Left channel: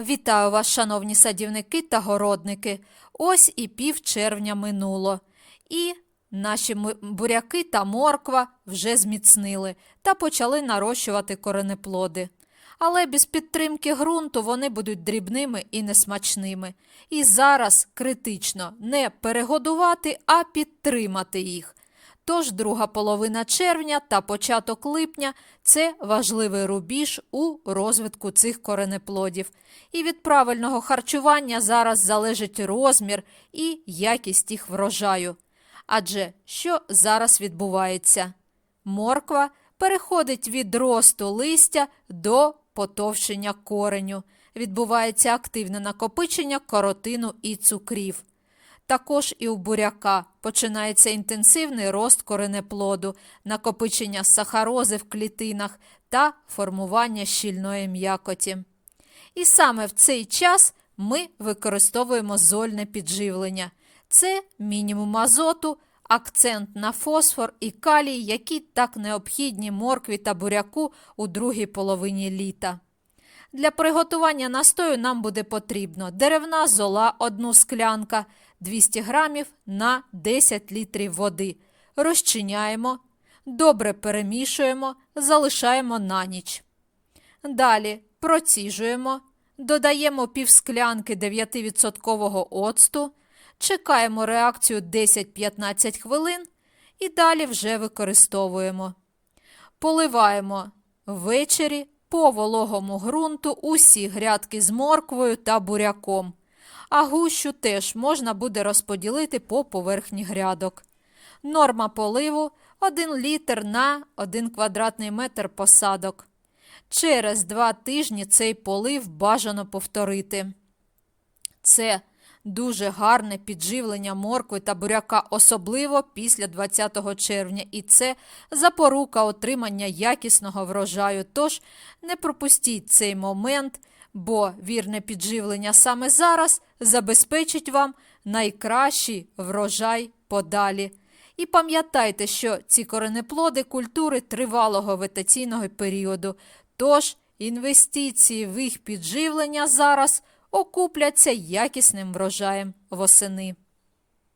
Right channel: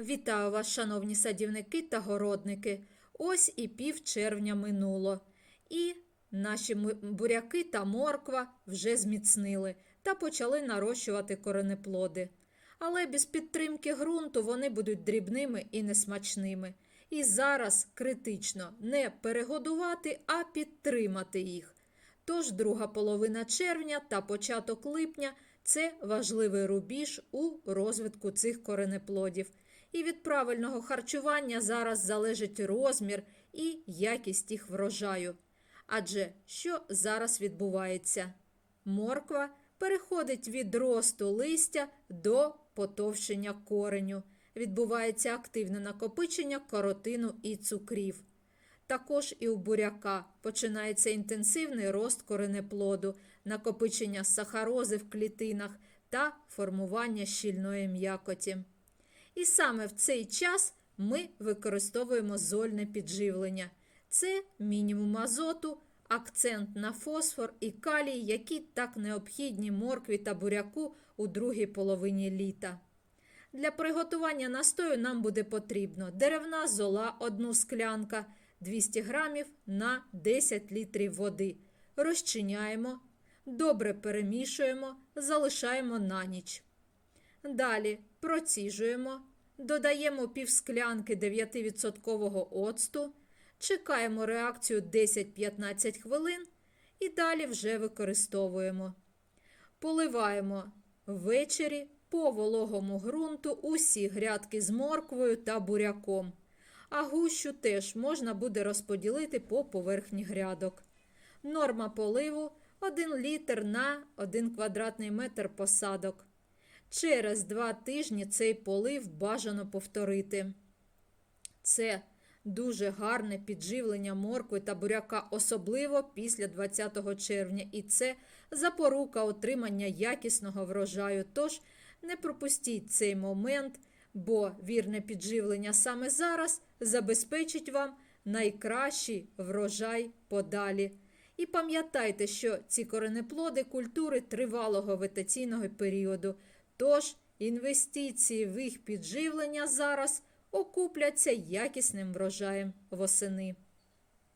Вітаю вас, шановні садівники та городники. Ось і пів червня минуло. І наші буряки та морква вже зміцнили та почали нарощувати коренеплоди. Але без підтримки ґрунту вони будуть дрібними і несмачними. І зараз критично не перегодувати, а підтримати їх. Тож друга половина червня та початок липня це важливий рубіж у розвитку цих коренеплодів. І від правильного харчування зараз залежить розмір і якість їх врожаю. Адже що зараз відбувається? Морква переходить від росту листя до потовщення кореню. Відбувається активне накопичення коротину і цукрів. Також і у буряка починається інтенсивний рост коренеплоду, накопичення сахарози в клітинах та формування щільної м'якоті. І саме в цей час ми використовуємо зольне підживлення. Це мінімум азоту, акцент на фосфор і калій, які так необхідні моркві та буряку у другій половині літа. Для приготування настою нам буде потрібно деревна зола 1 склянка 200 грамів на 10 літрів води. Розчиняємо, добре перемішуємо, залишаємо на ніч. Далі проціжуємо, додаємо півсклянки 9% оцту, чекаємо реакцію 10-15 хвилин і далі вже використовуємо. Поливаємо ввечері по вологому ґрунту усі грядки з морквою та буряком, а гущу теж можна буде розподілити по поверхні грядок. Норма поливу 1 літр на 1 квадратний метр посадок. Через два тижні цей полив бажано повторити. Це дуже гарне підживлення моркви та буряка, особливо після 20 червня, і це запорука отримання якісного врожаю. Тож не пропустіть цей момент, бо вірне підживлення саме зараз забезпечить вам найкращий врожай подалі. І пам'ятайте, що ці коренеплоди культури тривалого вегетаційного періоду. Тож інвестиції в їх підживлення зараз окупляться якісним врожаєм восени.